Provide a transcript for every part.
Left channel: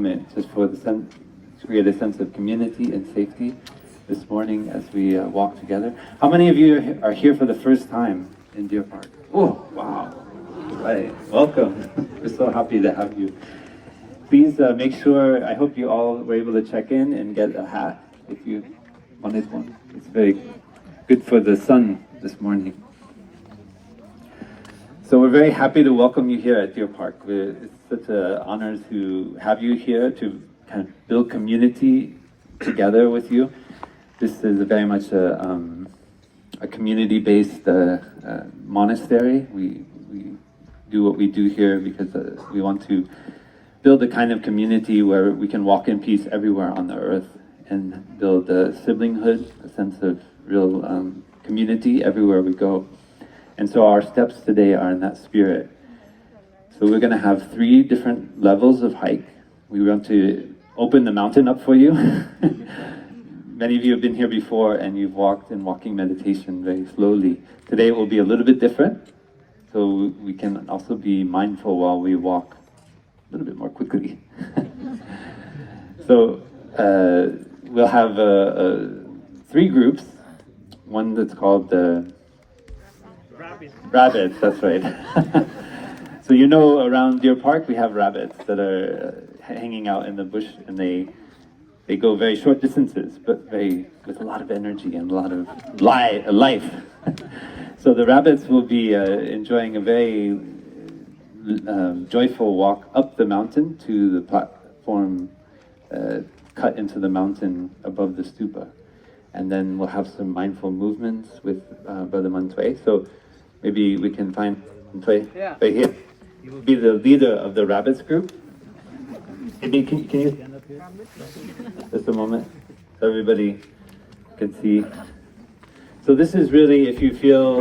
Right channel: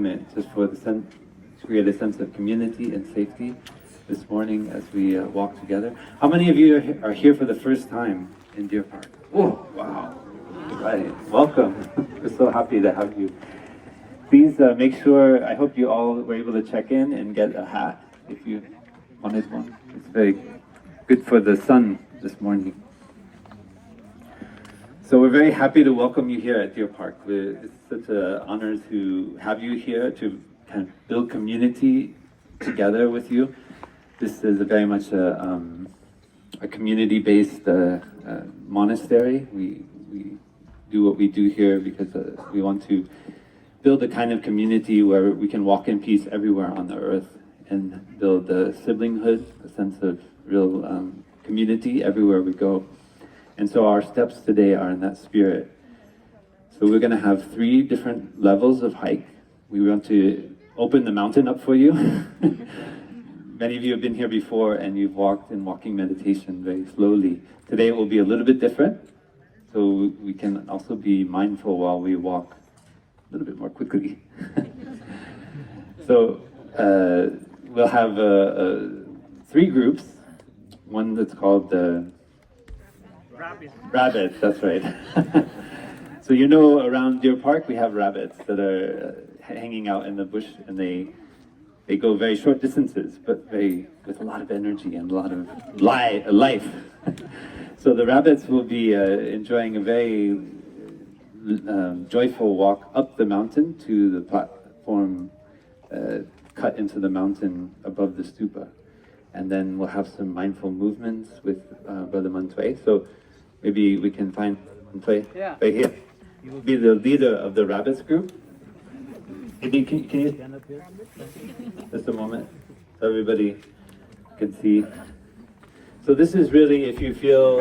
Just for the sense, to create a sense of community and safety this morning as we walk together. How many of you are here for the first time in Deer Park? Oh, wow. Right. Welcome. We're so happy to have you. Please make sure, I hope you all were able to check in and get a hat if you wanted one. It's very good for the sun this morning. So we're very happy to welcome you here at Deer Park. It's such an honor to have you here to kind of build community together with you. This is very much a community-based monastery. We do what we do here because we want to build a kind of community where we can walk in peace everywhere on the earth and build a siblinghood, a sense of real community everywhere we go. And so our steps today are in that spirit. So we're going to have 3 different levels of hike. We want to open the mountain up for you. Many of you have been here before and you've walked in walking meditation very slowly. Today it will be a little bit different. So we can also be mindful while we walk a little bit more quickly. So we'll have 3 groups. One that's called Rabbits, that's right. So you know around Deer Park we have rabbits that are hanging out in the bush, and they go very short distances, but with a lot of energy and a lot of life. So the rabbits will be enjoying a very joyful walk up the mountain to the platform cut into the mountain above the stupa. And then we'll have some mindful movements with Brother Mantwe. So maybe we can find Mantwe right here. He will be the leader of the rabbits group. Maybe can you stand up here? Just a moment, so everybody can see. So this is really, if you feel,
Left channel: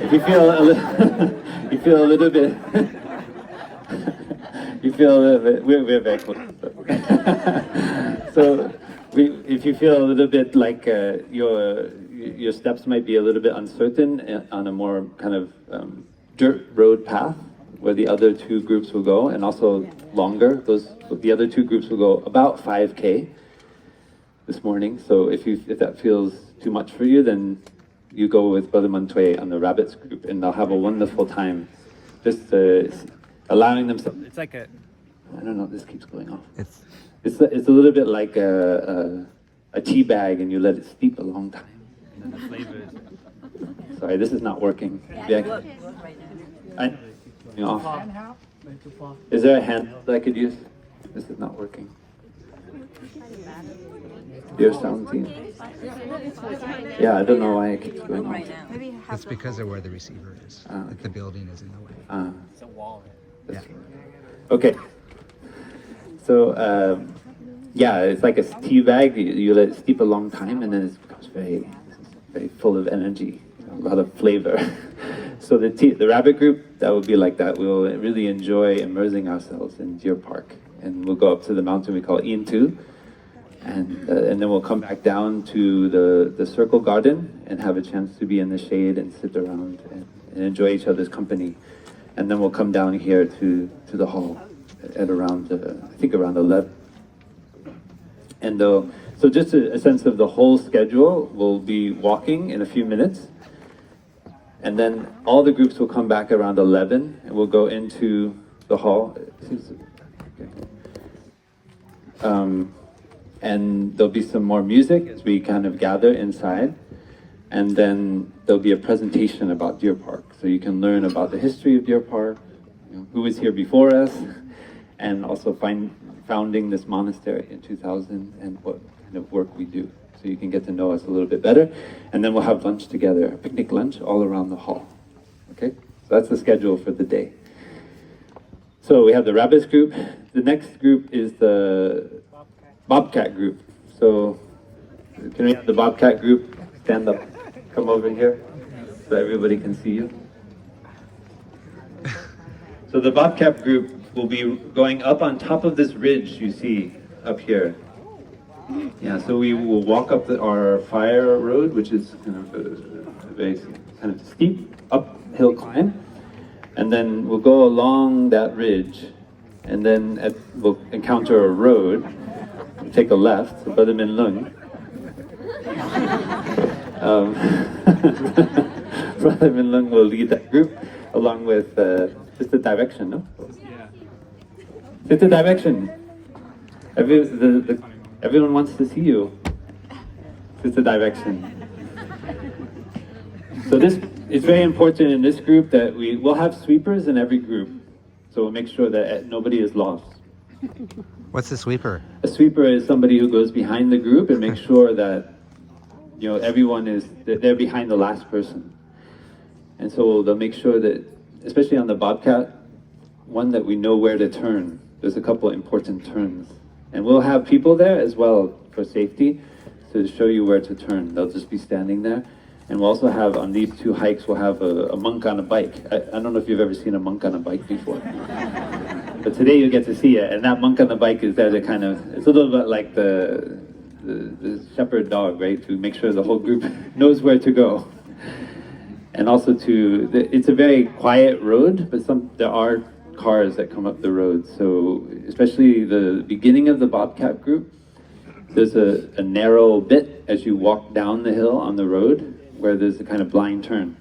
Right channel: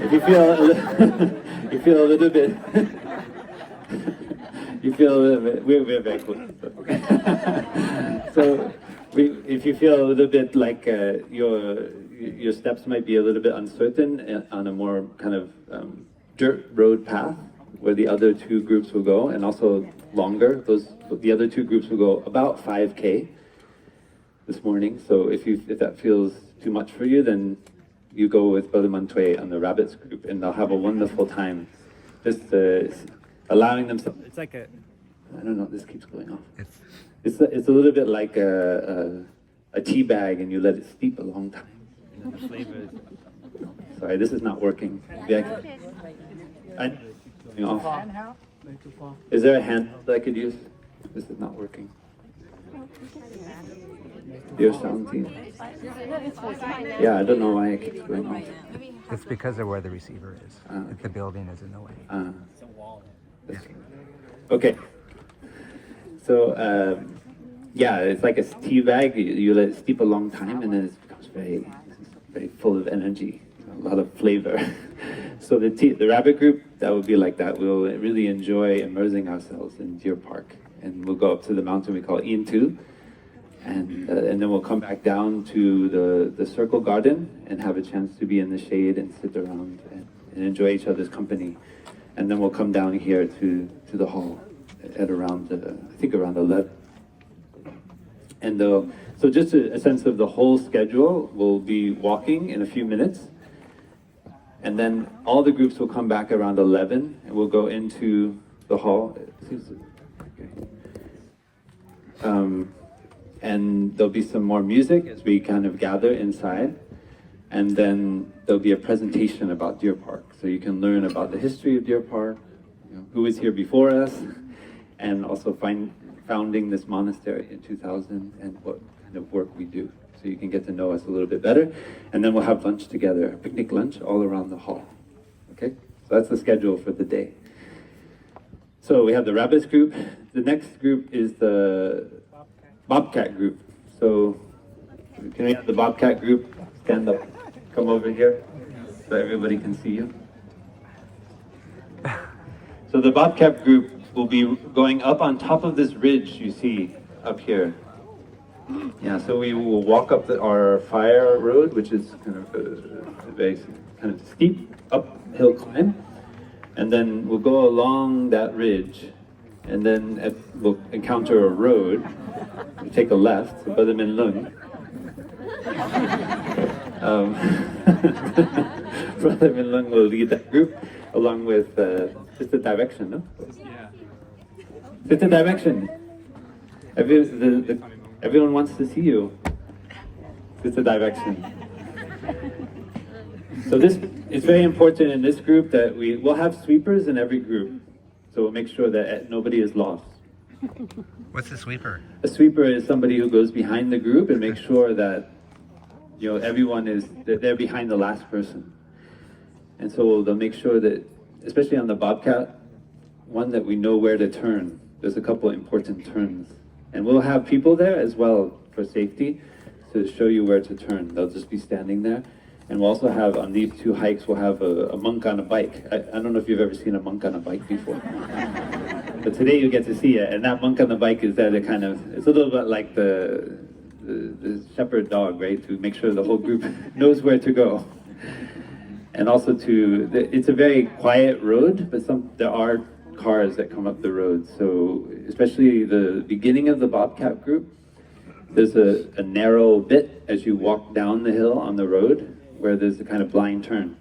if you feel a little bit, we're very close. Okay. So if you feel a little bit like your steps might be a little bit uncertain on a more kind of dirt road path where the other 2 groups will go, and also longer, the other 2 groups will go about 5K this morning. So if that feels too much for you, then you go with Brother Mantwe on the rabbits group, and they'll have a wonderful time. Just allowing them. It's like I don't know. This keeps going off. It's a little bit like a tea bag, and you let it steep a long time, and then the flavor is. Sorry, this is not working. Is there a hand that I could use? This is not working. Dear sound team. Yeah, I don't know why it keeps going on. It's because of where the receiver is. The building is in the way. It's a wall. Yeah. Okay. So, yeah, it's like a tea bag. You let it steep a long time, and then it becomes very, very full of energy, a lot of flavor. So the rabbit group, that will be like that. We'll really enjoy immersing ourselves in Deer Park, and we'll go up to the mountain we call Intu, and then we'll come back down to the circle garden and have a chance to be in the shade and sit around and enjoy each other's company. And then we'll come down here to the hall at around, I think around 11. And so just a sense of the whole schedule, we'll be walking in a few minutes. And then all the groups will come back around 11, and we'll go into the hall. Okay. And there'll be some more music as we kind of gather inside. And then there'll be a presentation about Deer Park. So you can learn about the history of Deer Park, who was here before us, and also founding this monastery in 2000 and what kind of work we do. So you can get to know us a little bit better. And then we'll have lunch together, a picnic lunch all around the hall. Okay? So that's the schedule for the day. So we have the rabbits group. The next group is the bobcat group. So can we have the bobcat group stand up, come over here so everybody can see you? So the bobcat group will be going up on top of this ridge you see up here. Yeah, so we will walk up our fire road, which is kind of a very kind of steep uphill climb. And then we'll go along that ridge, and then we'll encounter a road. We'll take a left, so Brother Min Lung. Brother Min Lung will lead that group along with just the direction, no? Yeah. Just the direction. Everyone wants to see you. Just the direction. So this is very important in this group that we'll have sweepers in every group. So we'll make sure that nobody is lost. What's a sweeper? A sweeper is somebody who goes behind the group and makes sure that everyone they're behind the last person. And so they'll make sure that, especially on the Bobcat one, that we know where to turn. There's a couple important turns. And we'll have people there as well for safety to show you where to turn. They'll just be standing there. And we'll also have, on these two hikes, we'll have a monk on a bike. I don't know if you've ever seen a monk on a bike before. But today you get to see it. And that monk on the bike is there to kind of, it's a little bit like the shepherd dog, right? To make sure the whole group knows where to go. And also it's a very quiet road, but there are cars that come up the road. So especially the beginning of the Bobcat group, there's a narrow bit as you walk down the hill on the road where there's a kind of blind turn.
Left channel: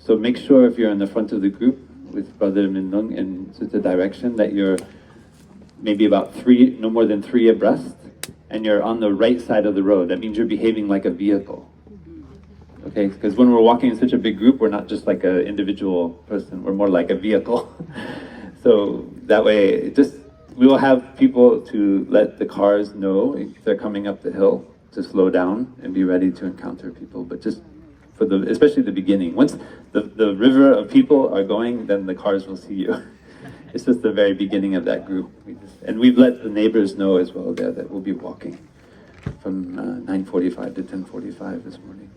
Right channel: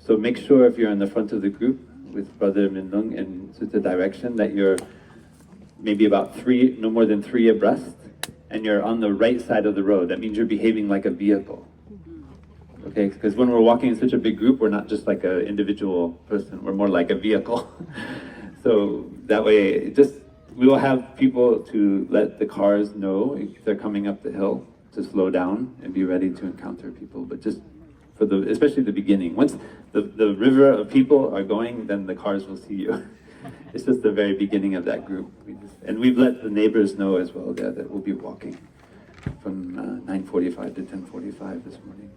So make sure if you're in the front of the group with Brother Min Lung in such a direction that you're maybe about no more than 3 abreast, and you're on the right side of the road. That means you're behaving like a vehicle. Okay, because when we're walking in such a big group, we're not just like an individual person, we're more like a vehicle. So that way, we will have people to let the cars know if they're coming up the hill to slow down and be ready to encounter people. But just especially the beginning. Once the river of people are going, then the cars will see you. It's just the very beginning of that group. And we've let the neighbors know as well there that we'll be walking from 9:45 to 10:45 this morning.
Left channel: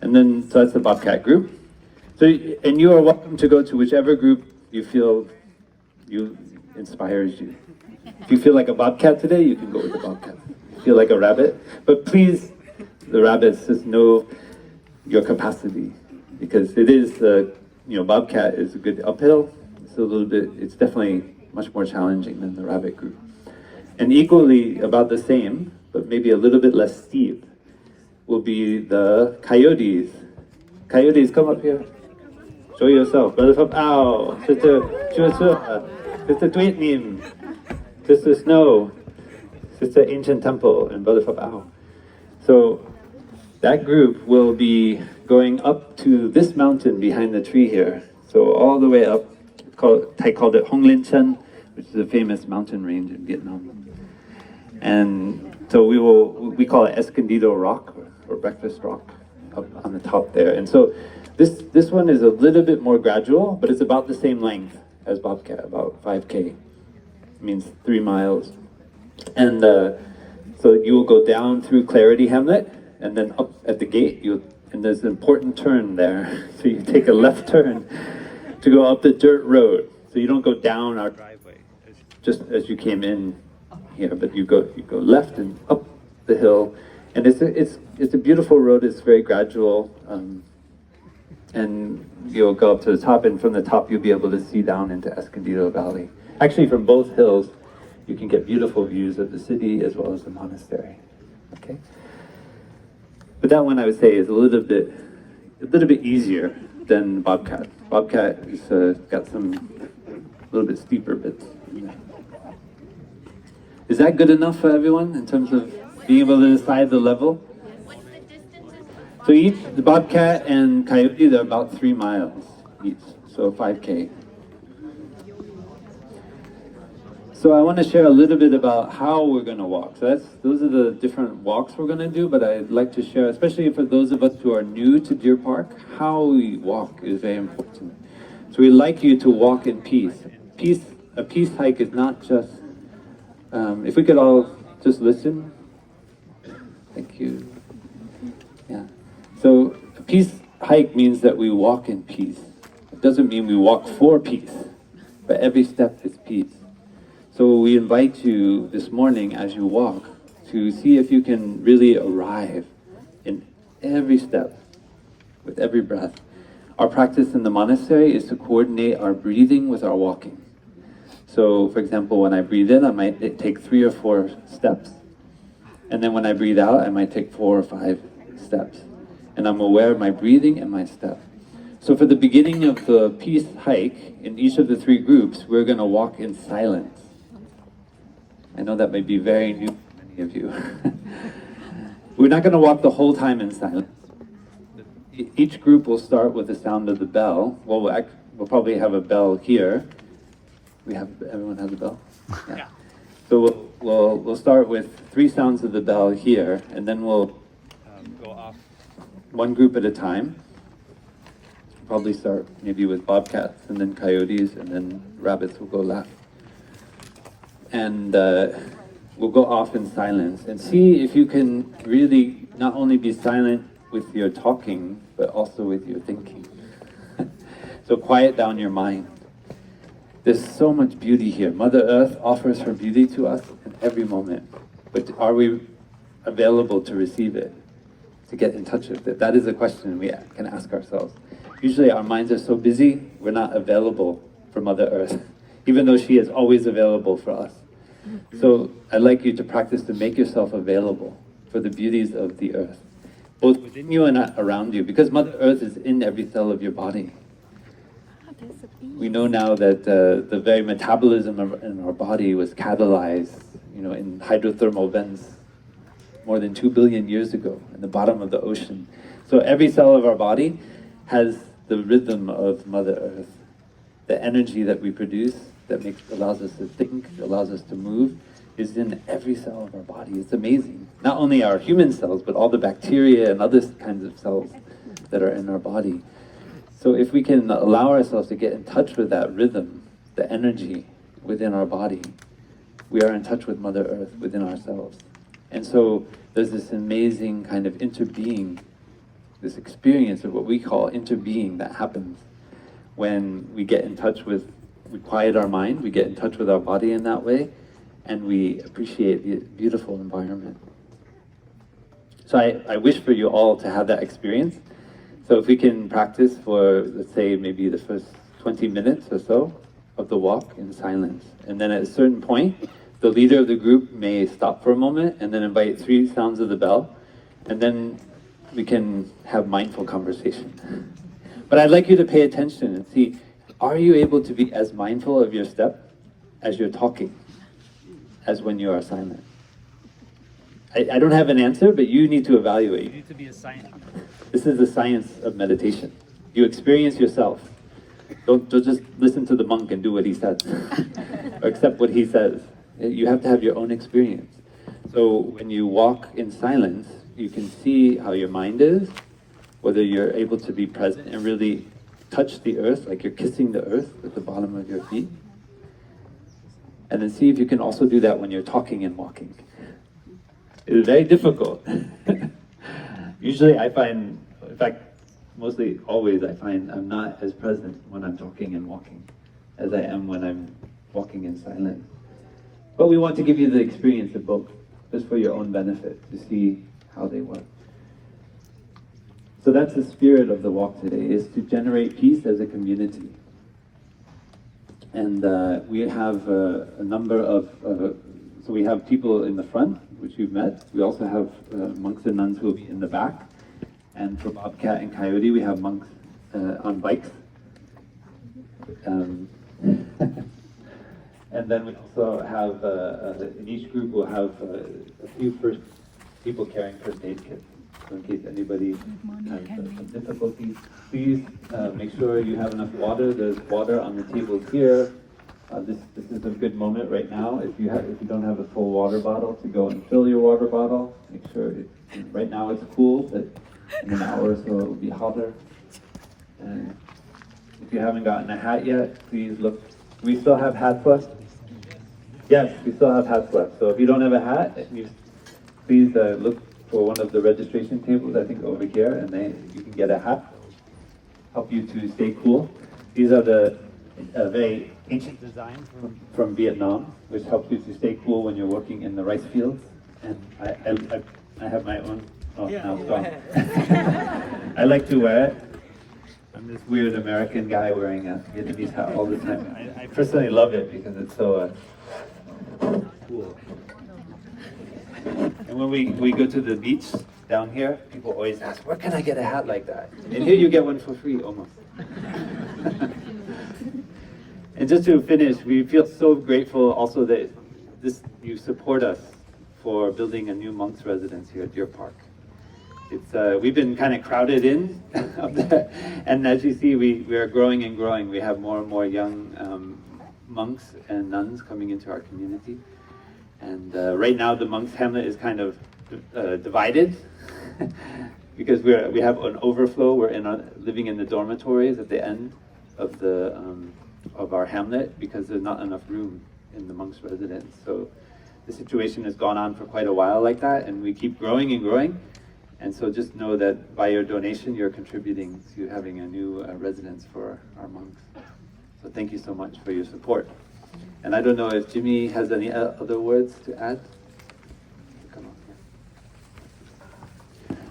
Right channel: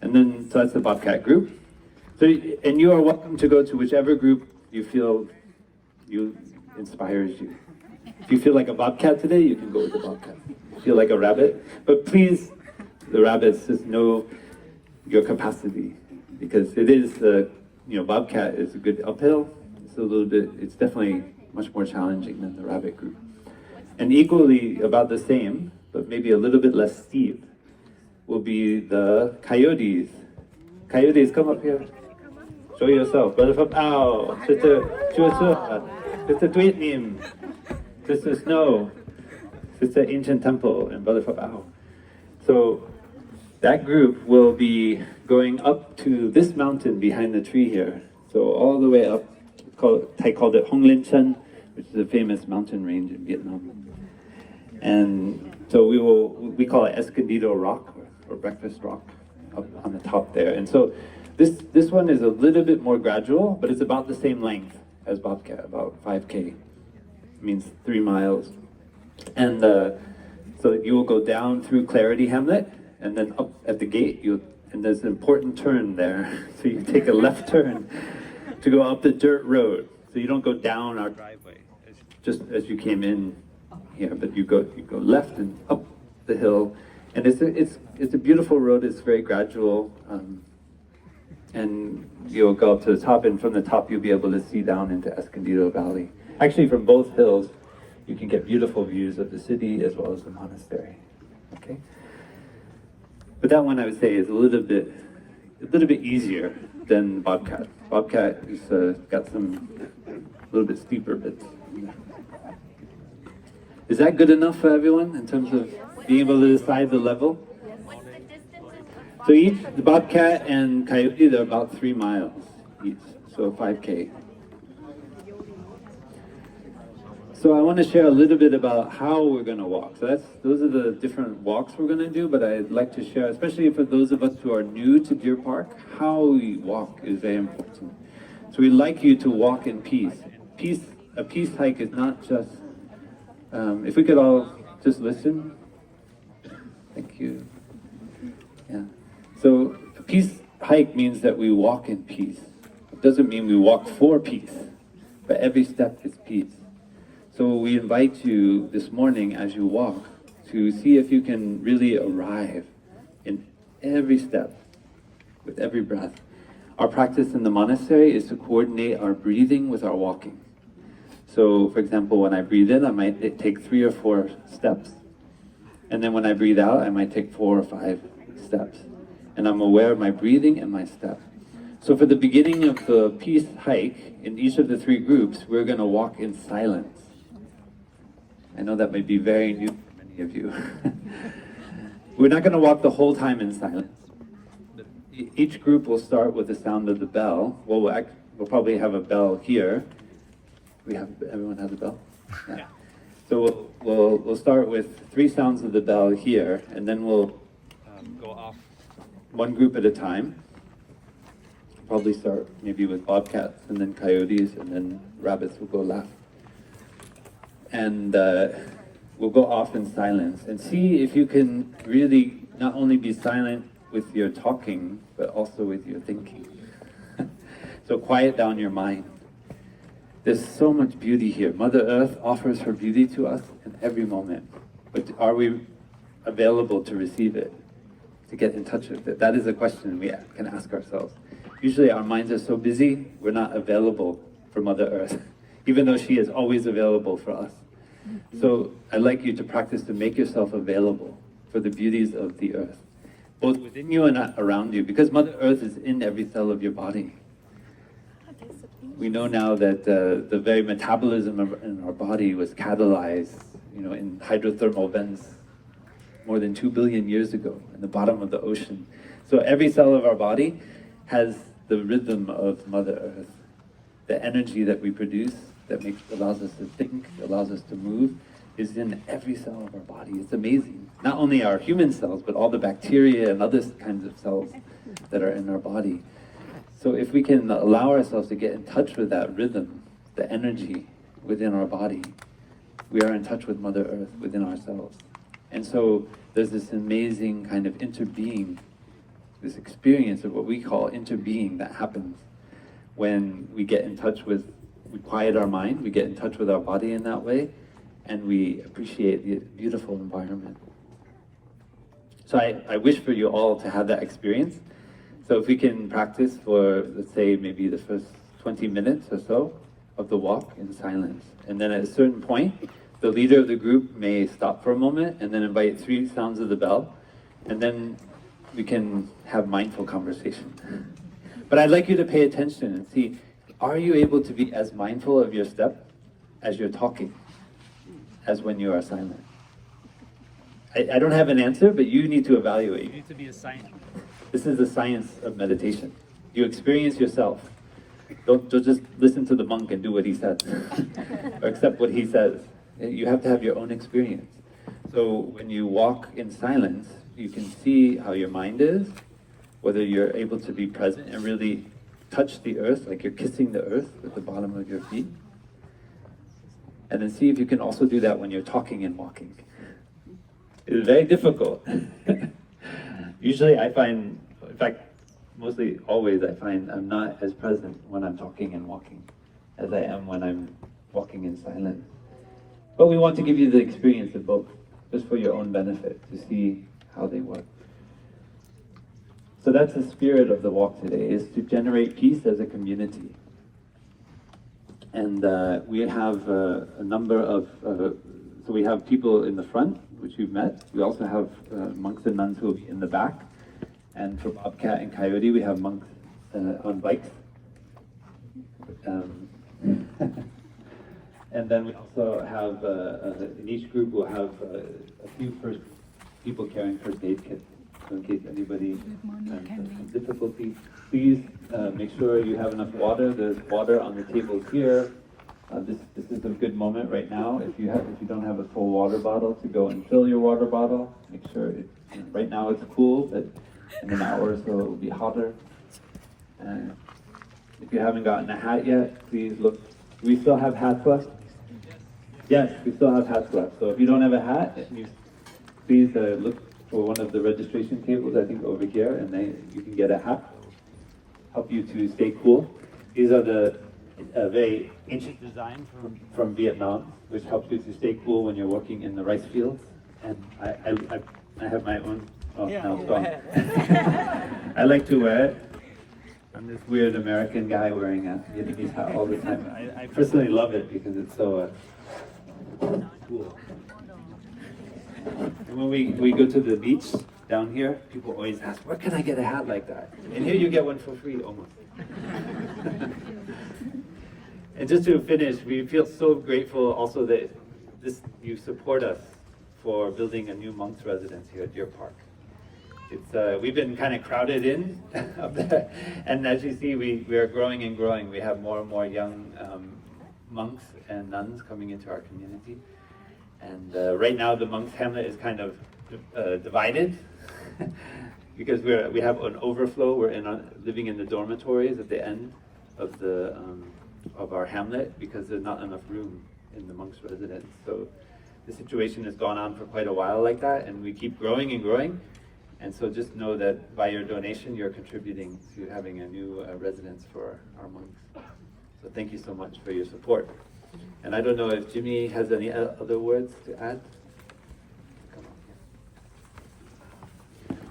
And then, so that's the Bobcat group. And you are welcome to go to whichever group you feel inspires you. If you feel like a bobcat today, you can go with the bobcat. If you feel like a rabbit, but please, the rabbits, just know your capacity, because it is, bobcat is a good uphill. It's definitely much more challenging than the rabbit group. And equally about the same, but maybe a little bit less steep, will be the coyotes. Coyotes, come up here. Show yourself. Brother Phap Luu, Sister Chua, Sister Tweet Nim, Sister Snow, Sister Ancient Temple, and Brother Phap Luu. So that group will be going up to this mountain behind the tree here. So all the way up, Thai called it Hong Lin Chen, which is a famous mountain range in Vietnam. And so we call it Escondido Rock, or Breakfast Rock, up on the top there. And so this one is a little bit more gradual, but it's about the same length as Bobcat, about 5K. It means 3 miles. And so you will go down through Clarity Hamlet, and then up at the gate, and there's an important turn there. So you take a left turn to go up the dirt road. So you don't go down our driveway, just as you came in here, but you go left and up the hill. And it's a beautiful road. It's very gradual, and you'll go up to the top, and from the top you'll be able to see down into Escondido Valley. Actually, from both hills, you can get beautiful views of the city as well as the monastery. Okay, but that one I would say is a little bit easier than Bobcat. Bobcat has got a little bit steeper bits. Is that good enough for everyone in terms of being able to decide the level? So the Bobcat and Coyote, they're about 3 miles each, so 5K. So I want to share a little bit about how we're going to walk. So those are the different walks we're going to do, but I'd like to share, especially for those of us who are new to Deer Park, how we walk is very important. So we'd like you to walk in peace. A peace hike is not just, if we could all just listen. Thank you. Yeah. So a peace hike means that we walk in peace. It doesn't mean we walk for peace, but every step is peace. So we invite you this morning as you walk to see if you can really arrive in every step, with every breath, Our practice in the monastery is to coordinate our breathing with our walking. So, for example, when I breathe in, I might take 3 or 4 steps. And then when I breathe out, I might take 4 or 5 steps. And I'm aware of my breathing and my step. So for the beginning of the peace hike, in each of the 3 groups, we're going to walk in silence. I know that may be very new for many of you. We're not going to walk the whole time in silence. Each group will start with the sound of the bell. Well, we'll probably have a bell here. Everyone has a bell? Yeah. So we'll start with 3 sounds of the bell here, and then we'll go off one group at a time. Probably start maybe with bobcats, and then coyotes, and then rabbits will go left. And we'll go off in silence and see if you can really not only be silent with your talking, but also with your thinking. So quiet down your mind. There's so much beauty here. Mother Earth offers her beauty to us in every moment. But are we available to receive it? To get in touch with it? That is a question we can ask ourselves. Usually our minds are so busy, we're not available for Mother Earth, even though she is always available for us. So I'd like you to practice to make yourself available for the beauties of the earth, both within you and around you, because Mother Earth is in every cell of your body. We know now that the very metabolism in our body was catalyzed, in hydrothermal vents more than 2 billion years ago in the bottom of the ocean. So every cell of our body has the rhythm of Mother Earth. The energy that we produce that allows us to think, allows us to move, is in every cell of our body. It's amazing. Not only our human cells, but all the bacteria and other kinds of cells that are in our body. So if we can allow ourselves to get in touch with that rhythm, the energy within our body, we are in touch with Mother Earth within ourselves. And so there's this amazing kind of interbeing, this experience of what we call interbeing that happens when we get in touch with, we quiet our mind, we get in touch with our body in that way, and we appreciate the beautiful environment. So I wish for you all to have that experience. So if we can practice for, let's say, maybe the first 20 minutes or so of the walk in silence. And then at a certain point, the leader of the group may stop for a moment and then invite 3 sounds of the bell. And then we can have mindful conversation. But I'd like you to pay attention and see, are you able to be as mindful of your step as you're talking, as when you are silent? I don't have an answer, but you need to evaluate. You need to be a scientist. This is the science of meditation. You experience yourself. Don't just listen to the monk and do what he says, or accept what he says. You have to have your own experience. So when you walk in silence, you can see how your mind is, whether you're able to be present and really touch the earth, like you're kissing the earth with the bottom of your feet. And then see if you can also do that when you're talking and walking. It is very difficult. Usually I find, in fact, mostly always I find I'm not as present when I'm talking and walking as I am when I'm walking in silence. But we want to give you the experience of both, just for your own benefit, to see how they work. So that's the spirit of the walk today, is to generate peace as a community. And we have a number of, so we have people in the front, which you've met. We also have monks and nuns who will be in the back. And for Bobcat and Coyote, we have monks on bikes. And then we also have, in each group, we'll have a few people carrying first aid kits. So in case anybody has difficulties, please make sure you have enough water. There's water on the table here. This is a good moment right now. If you don't have a full water bottle, to go and fill your water bottle. Make sure right now it's cool, but in an hour or so it will be hotter. If you haven't gotten a hat yet, please look. Do we still have hats left? Yes, we still have hats left. So if you don't have a hat, please look for one of the registration tables, I think over here, and you can get a hat. Help you to stay cool. These are the very ancient designs from Vietnam, which helps you to stay cool when you're working in the rice fields. And I have my own, now it's gone. I like to wear it. I'm this weird American guy wearing a Vietnamese hat all the time. I personally love it because it's so cool. And when we go to the beach down here, people always ask, where can I get a hat like that? And here you get one for free, almost. And just to finish, we feel so grateful also that you support us for building a new monks residence here at Deer Park. It's we've been kind of crowded in, and as you see, we are growing and growing. We have more and more young monks and nuns coming into our community. And right now, the monks' hamlet is kind of divided because we have an overflow. We're living in the dormitories at the end of the of our hamlet because there's not enough room in the monks' residence. So the situation has gone on for quite a while like that, and we keep growing and growing. And so just know that by your donation, you're contributing to having a new residence for our monks. So thank you so much for your support. And I don't know if Jimmy has any other words to add. Come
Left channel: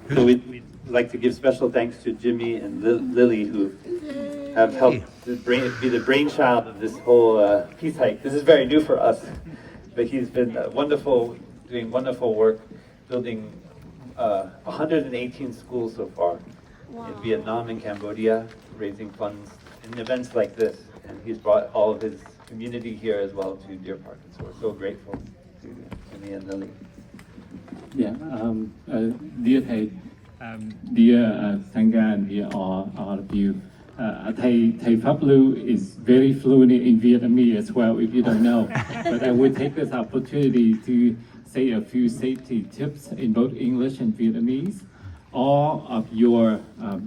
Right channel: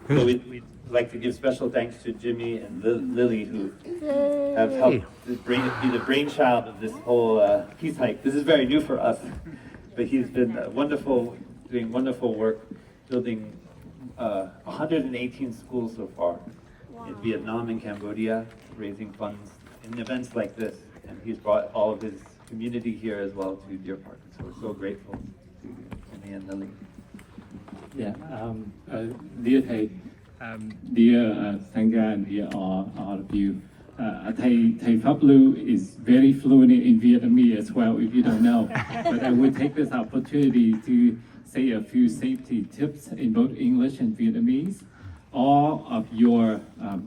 on. So we'd like to give special thanks to Jimmy and Lily, who have helped be the brainchild of this whole peace hike. This is very new for us, but he's been doing wonderful work, building 118 schools so far in Vietnam and Cambodia, raising funds in events like this. And he's brought all of his community here as well to Deer Park. And so we're so grateful to Jimmy and Lily. Yeah, dear Thầy, dear Sangha, and dear all of you. Thấy Phap Luu is very fluent in Vietnamese as well, if you don't know. But I will take this opportunity to say a few safety tips in both English and Vietnamese. All of your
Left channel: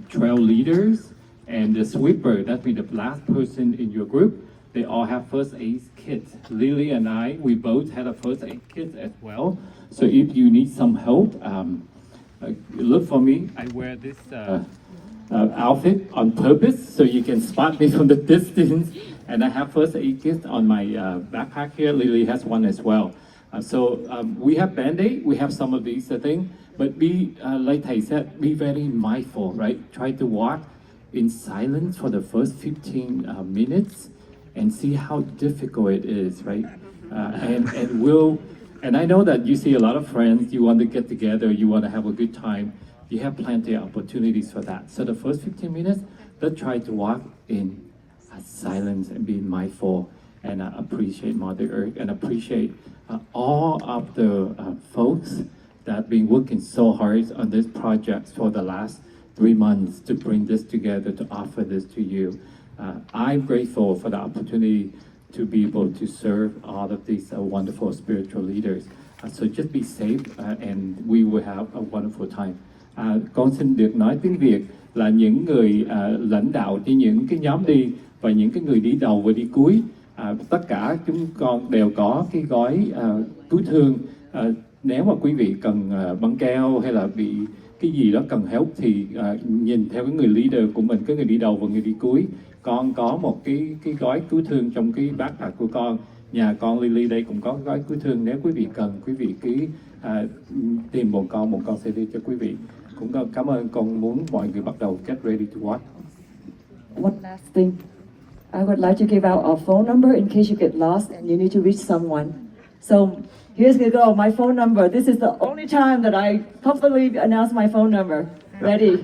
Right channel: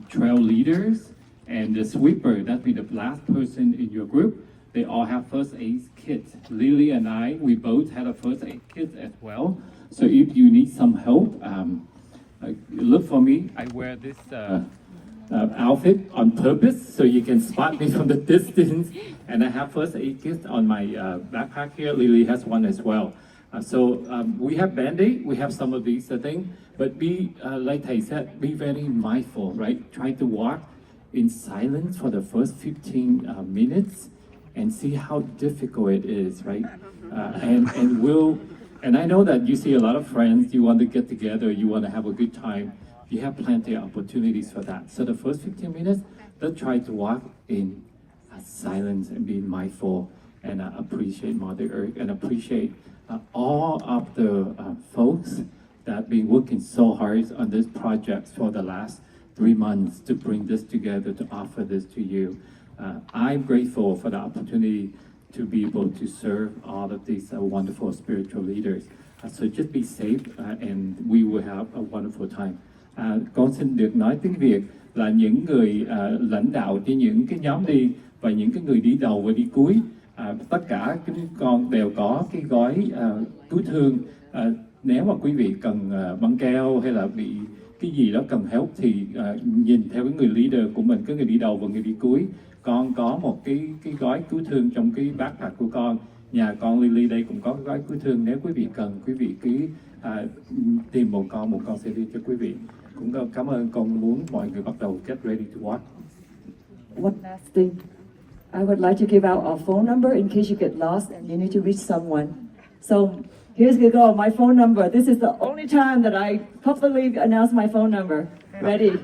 trail leaders and the sweeper, that means the last person in your group, they all have first aid kits. Lily and I, we both had a first aid kit as well. So if you need some help, look for me. I wear this outfit on purpose so you can spot me from the distance. And I have first aid kit on my backpack here. Lily has one as well. So we have Band-Aid, we have some of these things, but be, like Thầy said, be very mindful, right? Try to walk in silence for the first 15 minutes and see how difficult it is, right? And I know that you see a lot of friends, you want to get together, you want to have a good time. You have plenty of opportunities for that. So the first 15 minutes, let's try to walk in silence and be mindful and appreciate Mother Earth and appreciate all of the folks that have been working so hard on this project for the last 3 months to bring this together, to offer this to you. I'm grateful for the opportunity to be able to serve all of these wonderful spiritual leaders. So just be safe and we will have a wonderful time. Con xin được nói tiếng Việt là những người lãnh đạo trên những cái nhóm đi và những cái người đi đầu và đi cuối. Tất cả chúng con đều có cái gói cứu thương. Nếu mà quý vị cần băng keo hay là bị cái gì đó cần help thì nhìn theo cái người leader của mình, cái người đi đầu và người đi cuối. Con có một cái gói cứu thương trong cái backpack của con. Nhà con Lily đây cũng có cái gói cứu thương. Nếu quý vị cần, quý vị cứ tìm một con sẽ đi cho quý vị. Cũng cảm ơn, con muốn mọi người bắt đầu get ready to watch. One last thing. I would like to give out our phone number in case you get lost and you need to reach someone. So here's we go, my phone number. This is the only time that I publicly announce my phone number. Ready?